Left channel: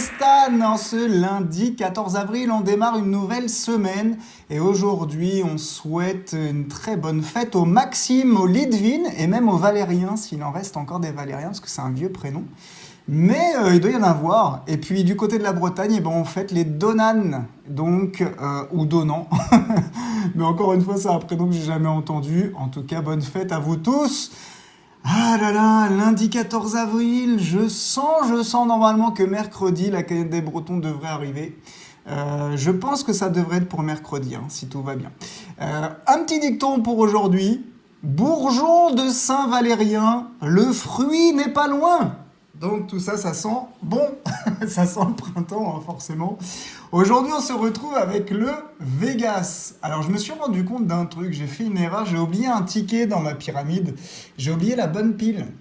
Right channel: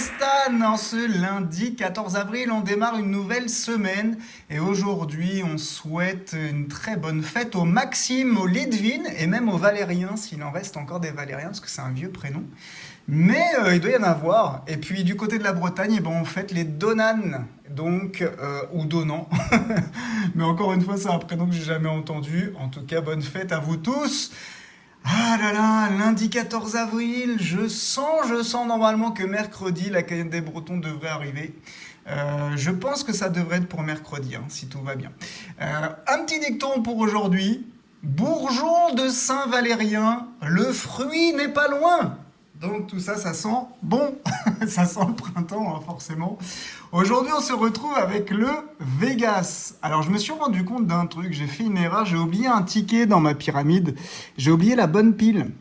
Stan, en ce lundi 14 avril, on démarre une nouvelle semaine et aujourd'hui on souhaite une très bonne fête au Maxime, au Lidvin et même au Valérien, s'il en reste encore des Valériens parce que c'est un vieux prénom. Mais il doit y en avoir. Et puis du côté de la Bretagne, eh ben, on fête les Donan, donc, ou Donan. Mais encore une fois, c'est un prénom que j'ai jamais entendu. En tout cas, bonne fête à vous tous. Ah là là, lundi 14 avril, je sens normalement que mercredi, la canette des Bretons devrait arriver. Je pense que ça devrait être pour mercredi, hein, si tout va bien. Un petit dicton pour aujourd'hui. Bourgeon de Saint-Valérien, le fruit n'est pas loin. Donc tout ça, ça sent bon, ça sent le printemps, hein, forcément. Aujourd'hui, on se retrouve avec le Vegas. Alors, je me suis rendu compte d'un truc, j'ai fait une erreur, j'ai oublié un ticket dans ma pyramide. J'ai oublié la bonne pile.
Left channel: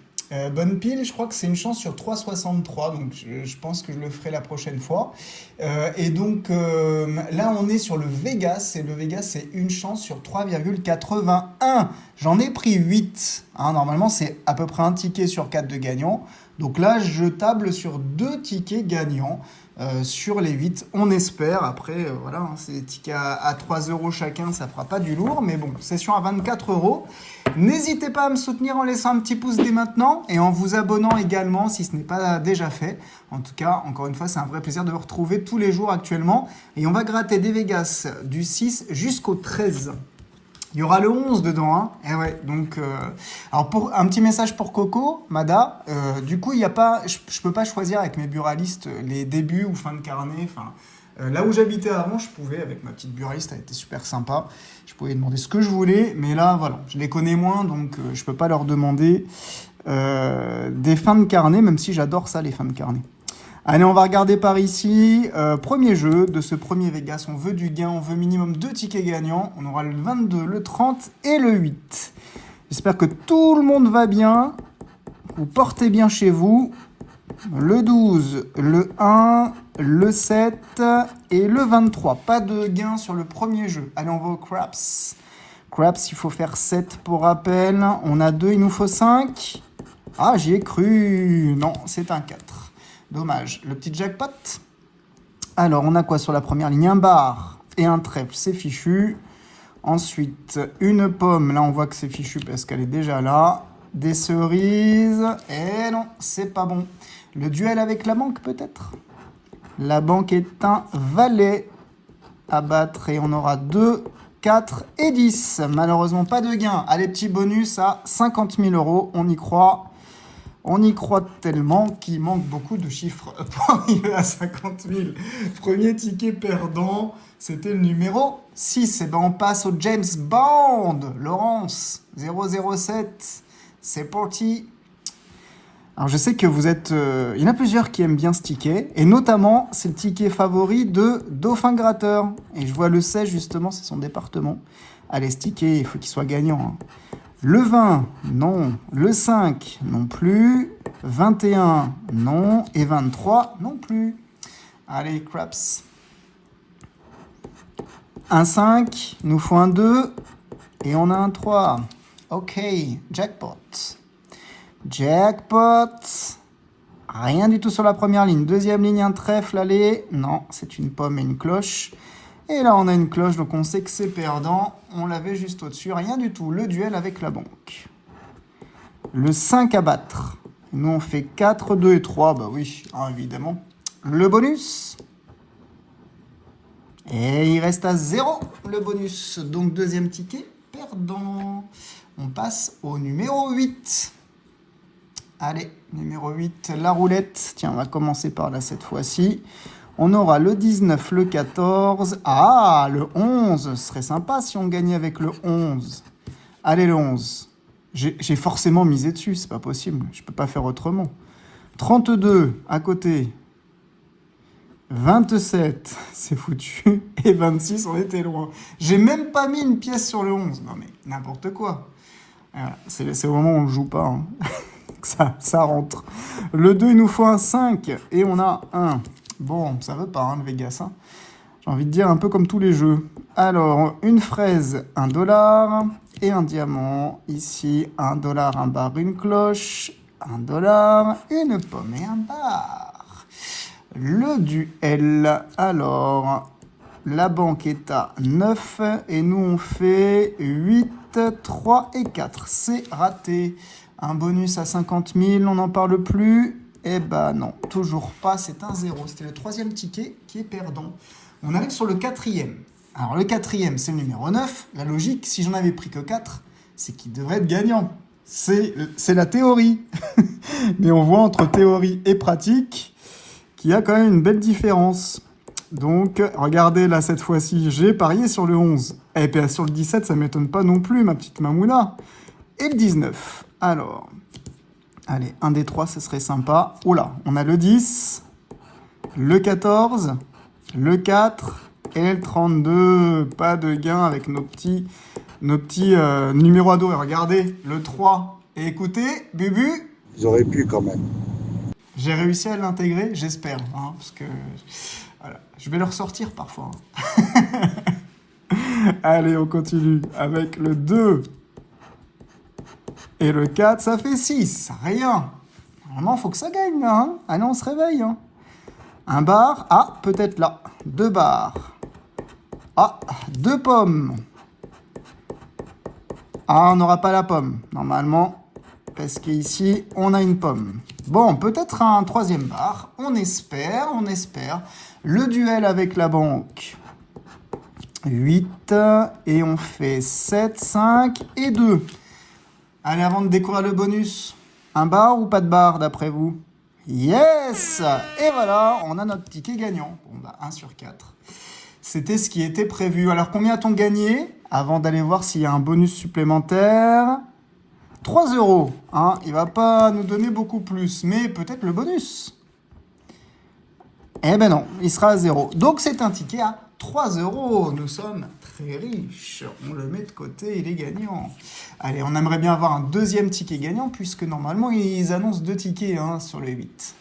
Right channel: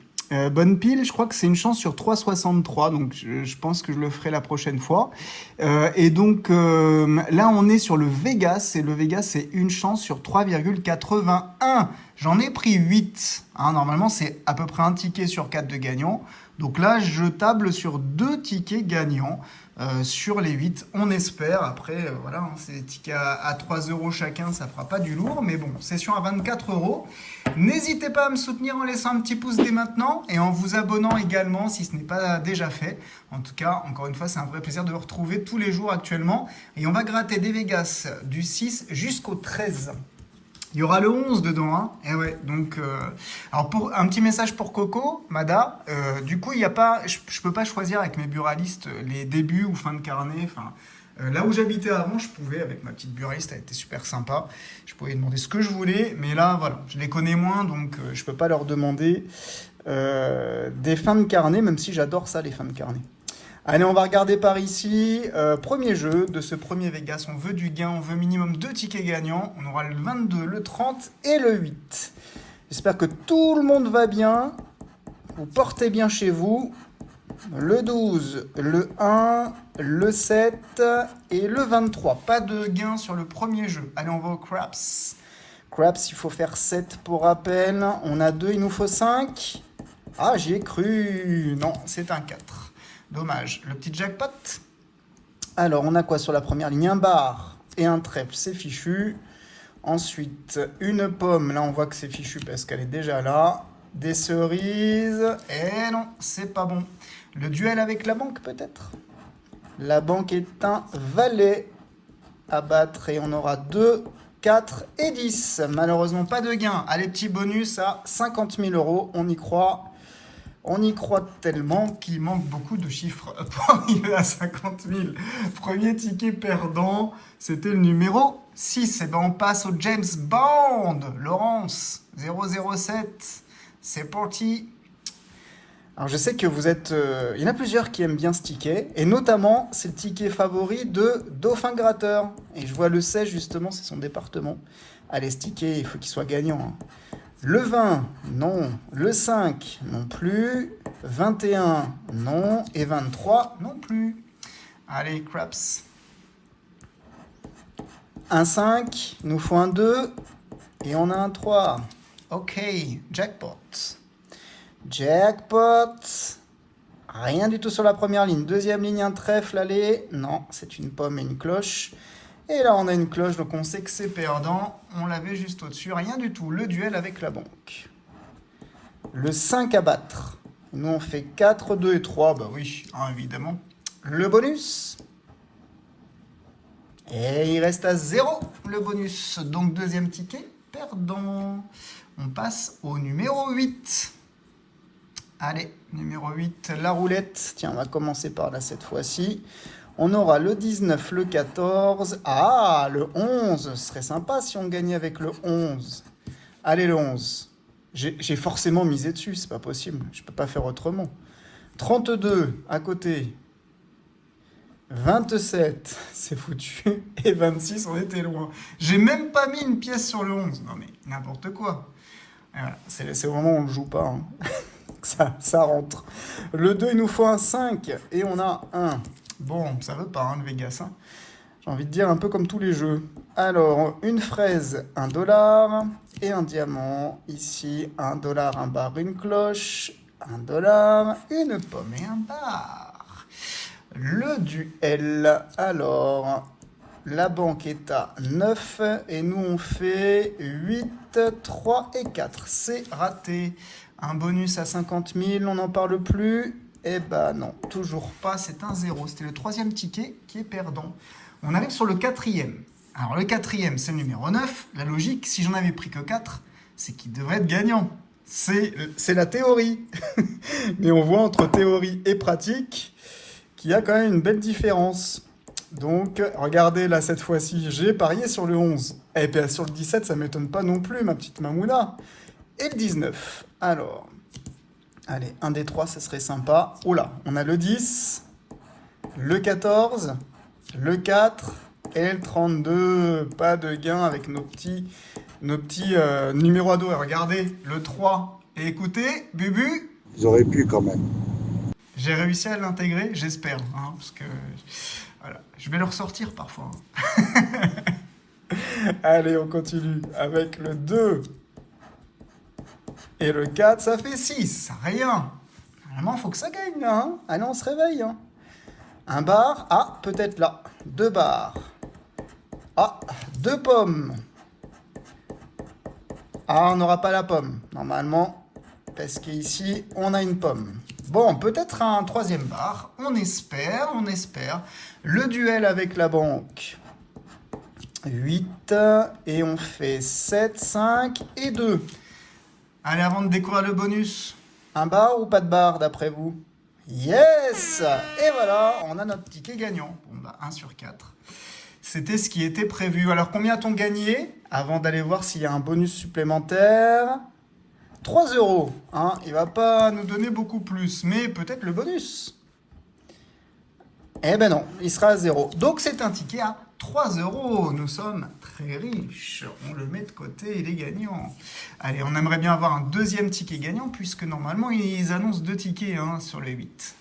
Bonne pile, je crois que c'est une chance sur 3,63, donc je pense que je le ferai la prochaine fois. Et donc là, on est sur le Vegas, et le Vegas, c'est une chance sur 3,81. J'en ai pris 8. Hein, normalement, c'est à peu près un ticket sur 4 de gagnants. Donc là, je table sur 2 tickets gagnants sur les 8. On espère. Après, voilà, hein, c'est des tickets à 3 € chacun, ça fera pas du lourd. Mais bon, session à 24 €. N'hésitez pas à me soutenir en laissant un petit pouce dès maintenant et en vous abonnant également si ce n'est pas déjà fait. En tout cas, encore une fois, c'est un vrai plaisir de vous retrouver tous les jours actuellement. Et on va gratter des Vegas du 6 jusqu'au 13. Il y aura le 11 dedans, hein. Et ouais, donc alors pour un petit message pour Coco, Mada, du coup, il y a pas je peux pas choisir avec mes buralistes les débuts ou fin de carnet, enfin là où j'habitais avant, je pouvais avec ma petite buraliste, elle était super sympa. Je pouvais demander ce que je voulais, mais là voilà, je les connais moins donc je peux pas leur demander des fins de carnet, même si j'adore ça les fins de carnet. Allez, on va regarder par ici. Premier jeu de ce premier Vegas. On veut du gain, on veut minimum 2 tickets gagnants. On aura le 22, le 30 et le 8. J'espère que tout le monde va bien. Vous portez bien chez vous. Le 12, le 1, le 7 et le 23. Pas de gain sur le premier jeu. Allez, on va au Craps. Craps, il faut faire 7 pour rappel. On a 2, il nous faut 5. Ah, j'y ai cru. Non, c'est un 4. Dommage. Le petit jackpot. Alors, on a quoi sur la première ligne? Un bar et un trèfle, c'est fichu. Ensuite, une pomme. Là, on voit que c'est fichu parce qu'elle est déjà là. Des cerises. Et non, c'est pas bon. Le duel avec la banque, peut-être? La banque est un valet à battre et on aura 2, 4 et 10. Malheureusement, pas de gain. Allez, petit bonus à 50 000 €. On y croit. On y croit tellement qu'il manque beaucoup de chiffres pour arriver à 50 000. Premier ticket perdant, c'était le numéro 6. Et ben on passe au James Bond. Laurence, 007. C'est parti. Alors je sais que vous êtes... il y en a plusieurs qui aiment bien ce ticket. Et notamment, c'est le ticket favori de Dauphin Gratteur. Et je vois le 16 justement, c'est son département. Allez, ce ticket, il faut qu'il soit gagnant. Hein. Le 20, non. Le 5, non plus. 21, non. Et 23, non plus. Allez, craps. Un 5, il nous faut un 2. Et on a un 3. Ok, jackpot. Jackpot. Rien du tout sur la première ligne. Deuxième ligne, un trèfle, allez. Non, c'est une pomme et une cloche. Et là, on a une cloche, donc on sait que c'est perdant. On l'avait juste au-dessus, rien du tout. Le duel avec la banque. Le 5 à battre. Nous, on fait 4, 2 et 3. Bah oui, hein, évidemment. Le bonus. Et il reste à 0, le bonus. Donc, deuxième ticket, perdant. On passe au numéro 8. Allez, numéro 8, la roulette. Tiens, on va commencer par là cette fois-ci. On aura le 19, le 14. Ah, le 11. Ce serait sympa si on gagnait avec le 11. Allez, le 11. J'ai forcément misé dessus, c'est pas possible. Je peux pas faire autrement. 32, à côté. 27, c'est foutu. Et 26, on était loin. J'ai même pas mis une pièce sur le 11. Non mais, n'importe quoi. Voilà, c'est le moment où on joue pas. Hein. ça rentre. Le 2, il nous faut un 5. Et on a un... Bon, ça veut pas, hein, le Vegas. Hein. J'ai envie de dire un peu comme tous les jeux. Alors, une fraise, 1 $. Et un diamant. Ici, 1 $, un bar, une cloche. 1 $, une pomme et un bar. Le duel, alors, la banque est à 9 et nous on fait 8, 3 et 4. C'est raté. Un bonus à 50 000, on n'en parle plus. Eh ben non, toujours pas, c'est un 0. C'était le troisième ticket qui est perdant. On arrive sur le quatrième. Alors le quatrième, c'est le numéro 9. La logique, si j'en avais pris que 4, c'est qu'il devrait être gagnant. C'est la théorie. Mais on voit entre théorie et pratique qu'il y a quand même une belle différence. Donc, regardez, là, cette fois-ci, j'ai parié sur le 11. Et puis sur le 17, ça ne m'étonne pas non plus, ma petite Mamouna. Et le 19. Alors, allez, un des trois, ça serait sympa. Oula, on a le 10, le 14, le 4 et le 32. Pas de gain avec nos petits numéros ados. Et regardez, le 3. Et écoutez, Bubu. Ils auraient pu quand même. J'ai réussi à l'intégrer, j'espère. Hein, parce que, voilà, je vais le ressortir parfois. Hein. Allez, on continue avec le 2. Et le 4, ça fait 6. Rien. Normalement, il faut que ça gagne, là. Hein. Allez, on se réveille. Hein. Un bar. Ah, peut-être là. 2 bars. Ah, 2 pommes. Ah, on n'aura pas la pomme, normalement. Parce qu'ici, on a une pomme. Bon, peut-être un troisième bar. On espère, on espère. Le duel avec la banque. 8. Et on fait 7, 5 et 2. Allez, avant de découvrir le bonus, un bar ou pas de bar d'après vous? Yes! Et voilà, on a notre ticket gagnant. Bon, bah, 1 sur 4. C'était ce qui était prévu. Alors, combien a-t-on gagné? Avant d'aller voir s'il y a un bonus supplémentaire. 3 €. Hein, il ne va pas nous donner beaucoup plus, mais peut-être le bonus. Eh ben non, il sera à 0. Donc, c'est un ticket à 3 €. Nous sommes très riches. On le met de côté, il est gagnant. Allez, on aimerait bien avoir un deuxième ticket gagnant, puisque normalement, ils annoncent 2 tickets sur les 8.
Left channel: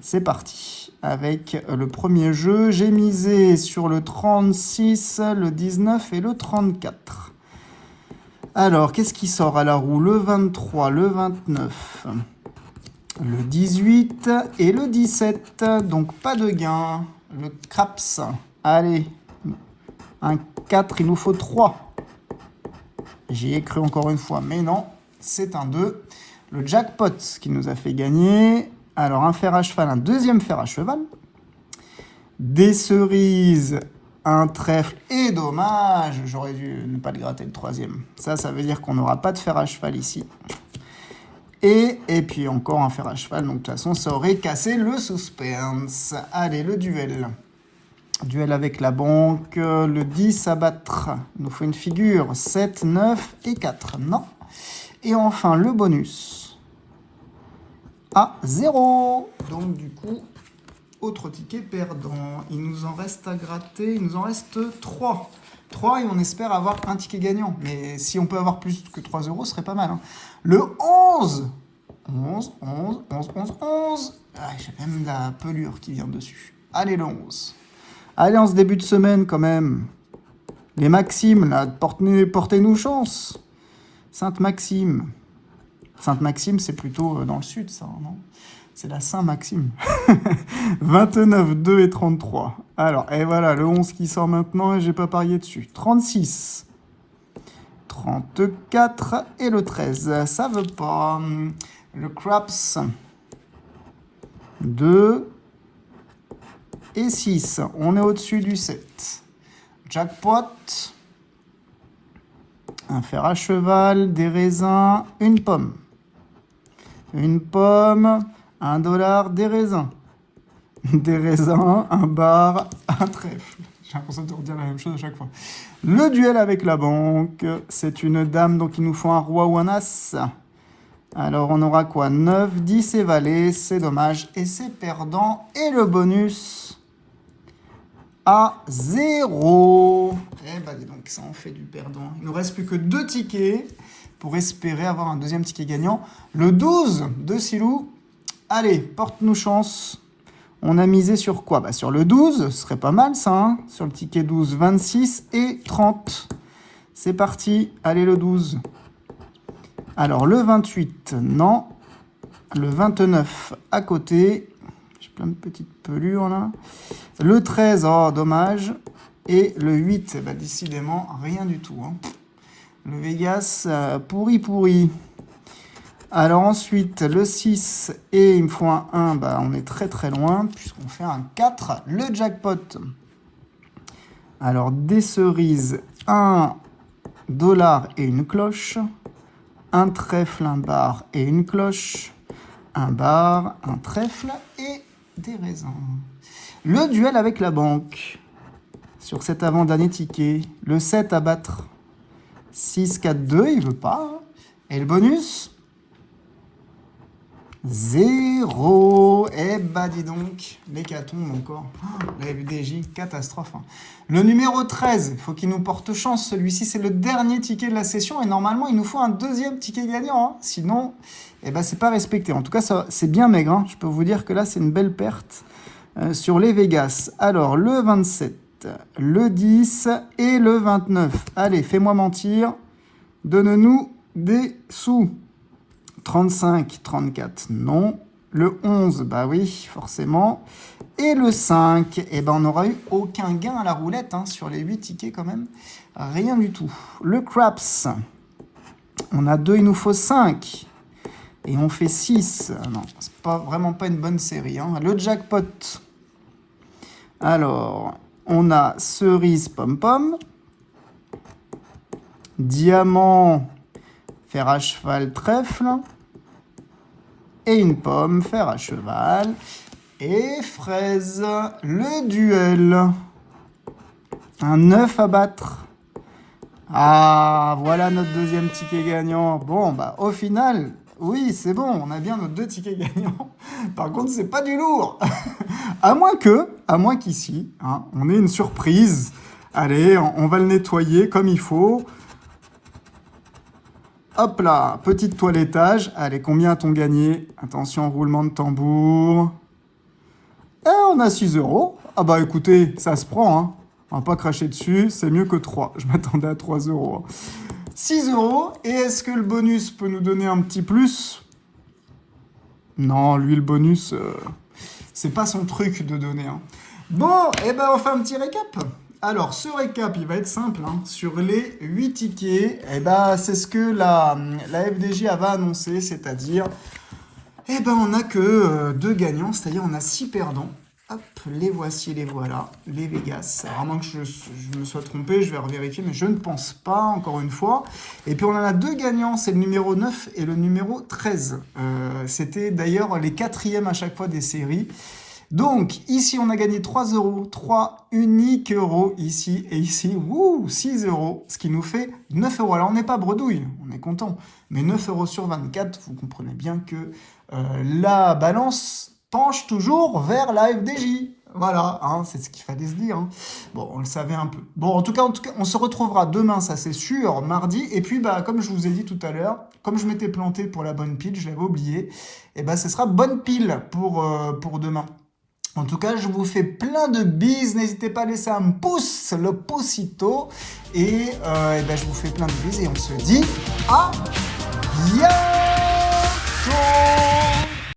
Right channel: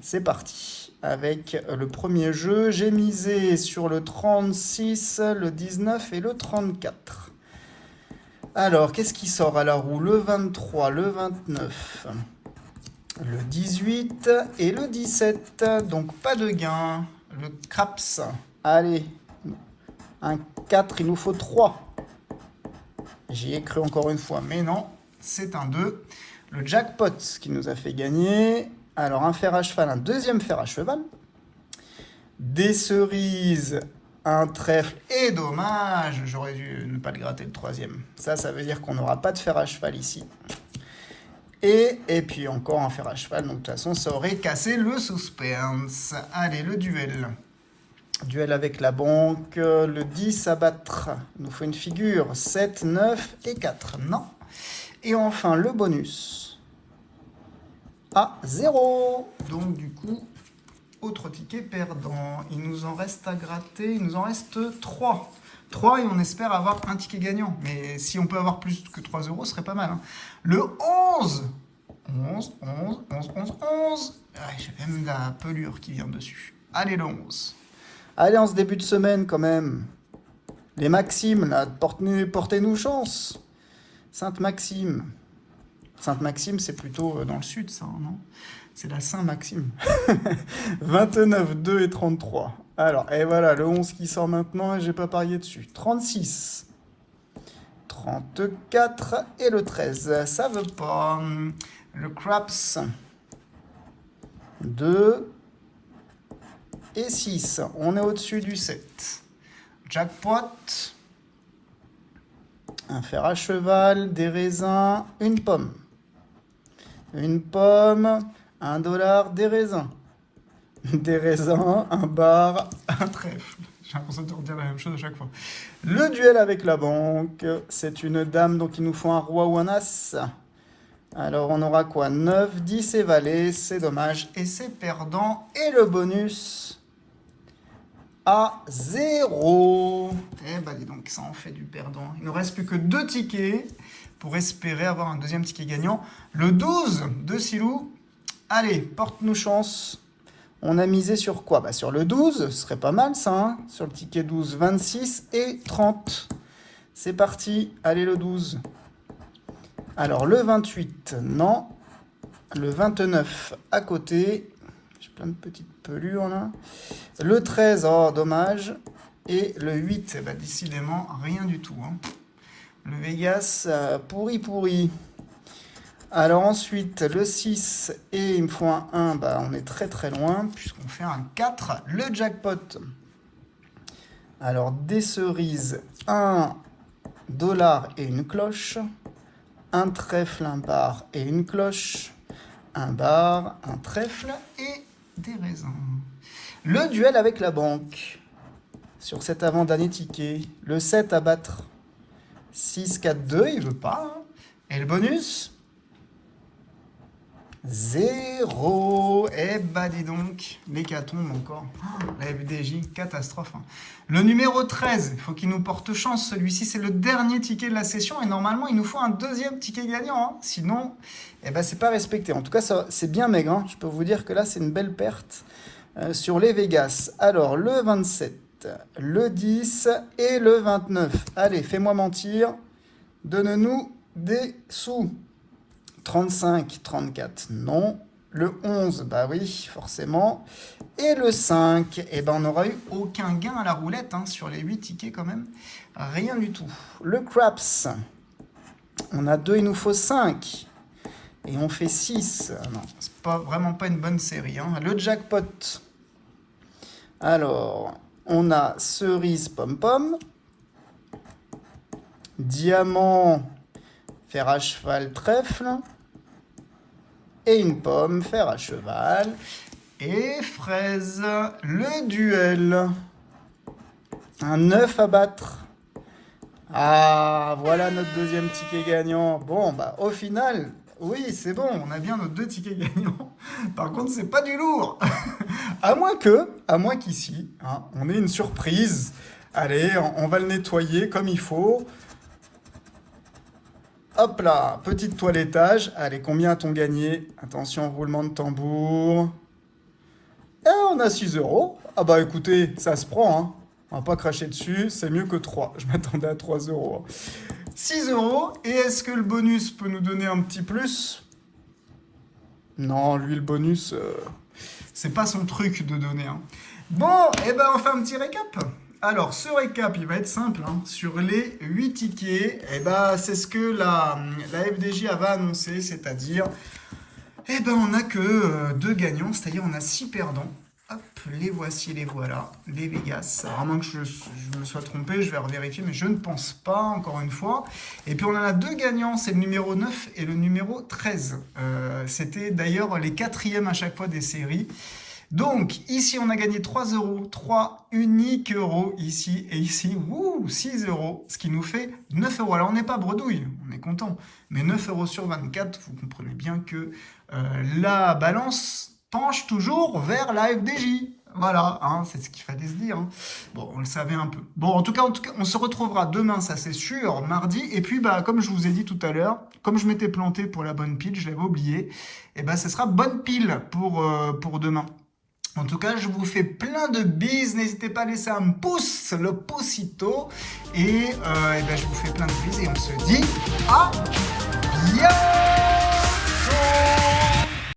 C'est parti. Avec le premier jeu, j'ai misé sur le 36, le 19 et le 34. Alors, qu'est-ce qui sort à la roue? Le 23, le 29, le 18 et le 17. Donc, pas de gain. Le craps. Allez, un 4, il nous faut 3. J'y ai cru encore une fois, mais non, c'est un 2. Le jackpot qui nous a fait gagner. Alors, un fer à cheval, un deuxième fer à cheval. Des cerises, un trèfle et dommage. J'aurais dû ne pas le gratter le troisième. Ça veut dire qu'on n'aura pas de fer à cheval ici. Et puis encore un fer à cheval. Donc, de toute façon, ça aurait cassé le suspense. Allez, le duel. Duel avec la banque. Le 10 à battre. Il nous faut une figure. 7, 9 et 4. Non. Et enfin, le bonus. À 0. Donc, du coup, autre ticket perdant. Il nous en reste à gratter. Il nous en reste 3. 3 et on espère avoir un ticket gagnant. Mais si on peut avoir plus que 3 €, ce serait pas mal. Hein. Le 11. 11. Ah, j'ai même la pelure qui vient dessus. Allez, le 11. Allez, en ce début de semaine, quand même. Les Maximes, là, portez-nous chance. Sainte-Maxime. Sainte-Maxime, c'est plutôt dans le sud, ça, non? C'est la Saint-Maxime. 29, 2 et 33. Alors, et voilà, le 11 qui sort maintenant et j'ai pas parié dessus. 36. 34 et le 13. Ça veut pas. Le craps. 2 et 6. On est au-dessus du 7. Jackpot. Un fer à cheval, des raisins, une pomme. Une pomme, 1 $, des raisins. Des raisins, un bar, un trèfle. J'ai l'impression de redire la même chose à chaque fois. Le duel avec la banque, c'est une dame, donc il nous faut un roi ou un as. Alors on aura quoi? 9, 10 et valet, c'est dommage. Et c'est perdant. Et le bonus à 0. Eh ben dis donc, ça en fait du perdant. Il ne nous reste plus que 2 tickets pour espérer avoir un deuxième ticket gagnant. Le 12 de Silou. Allez, porte-nous chance. On a misé sur quoi? Bah sur le 12, ce serait pas mal ça. Hein, sur le ticket 12, 26 et 30. C'est parti. Allez, le 12. Alors, le 28, non. Le 29 à côté. Je plein de petites pelures là. Le 13, oh dommage. Et le 8, bah, décidément rien du tout. Hein. Le Vegas, pourri. Alors ensuite, le 6 et il me faut un 1, bah, on est très loin puisqu'on fait un 4. Le jackpot. Alors des cerises, 1 dollar et une cloche. Un trèfle, un bar et une cloche. Un bar, un trèfle et des raisins. Le duel avec la banque. Sur cet avant-dernier ticket, le 7 à battre. 6, 4, 2, il veut pas. Hein. Et le bonus 0. Eh bah dis donc, l'hécatombe encore. Oh, la FDJ, catastrophe. Hein. Le numéro 13, il faut qu'il nous porte chance. Celui-ci, c'est le dernier ticket de la session. Et normalement, il nous faut un deuxième ticket gagnant. Hein. Sinon, eh bah, c'est pas respecté. En tout cas, c'est bien maigre. Hein. Je peux vous dire que là, c'est une belle perte sur les Vegas. Alors, le 27. Le 10 et le 29. Allez, fais-moi mentir. Donne-nous des sous. 35, 34, non. Le 11, bah oui, forcément. Et le 5, eh ben on n'aura eu aucun gain à la roulette hein, sur les 8 tickets quand même. Rien du tout. Le craps, on a 2, il nous faut 5. Et on fait 6. Non, c'est vraiment pas une bonne série. Hein. Le jackpot. Alors... on a cerise pom-pom, diamant, fer à cheval, trèfle, et une pomme, fer à cheval, et fraise, le duel. Un 9 à battre. Ah, voilà notre deuxième ticket gagnant. Bon, bah au final, oui, c'est bon, on a bien nos 2 tickets gagnants. Par contre, c'est pas du lourd. À moins qu'ici, hein, on ait une surprise. Allez, on va le nettoyer comme il faut. Hop là, petit toilettage. Allez, combien a-t-on gagné? Attention, roulement de tambour. Et on a 6 euros. Ah bah écoutez, ça se prend. Hein. On va pas cracher dessus, c'est mieux que 3. Je m'attendais à 3 euros. 6 euros. Et est-ce que le bonus peut nous donner un petit plus? Non, lui, le bonus... c'est pas son truc de donner. Hein. Bon, et ben on fait un petit récap. Alors, ce récap, il va être simple. Hein. Sur les 8 tickets, et ben c'est ce que la FDJ avait annoncé, c'est-à-dire, et ben on n'a que 2 gagnants, c'est-à-dire on a 6 perdants. Hop, les voici, les voilà, les Vegas. Vraiment que je me sois trompé, je vais revérifier, mais je ne pense pas, encore une fois. Et puis on en a 2 gagnants, c'est le numéro 9 et le numéro 13. C'était d'ailleurs les 4e à chaque fois des séries. Donc, ici, on a gagné 3 euros, 3 uniques euros ici, et ici, 6 euros, ce qui nous fait 9 euros. Alors, on n'est pas bredouille, on est content, mais 9 euros sur 24, vous comprenez bien que la balance penche toujours vers la FDJ. Voilà, hein, c'est ce qu'il fallait se dire. Hein. Bon, on le savait un peu. Bon, en tout cas, on se retrouvera demain, ça c'est sûr, mardi. Et puis, bah, comme je vous ai dit tout à l'heure, comme je m'étais planté pour la bonne pile, je l'avais oublié, et bah, ce sera bonne pile pour demain. En tout cas, je vous fais plein de bises. N'hésitez pas à laisser un pouce, le poucito. Et ben, je vous fais plein de bises et on se dit à bientôt.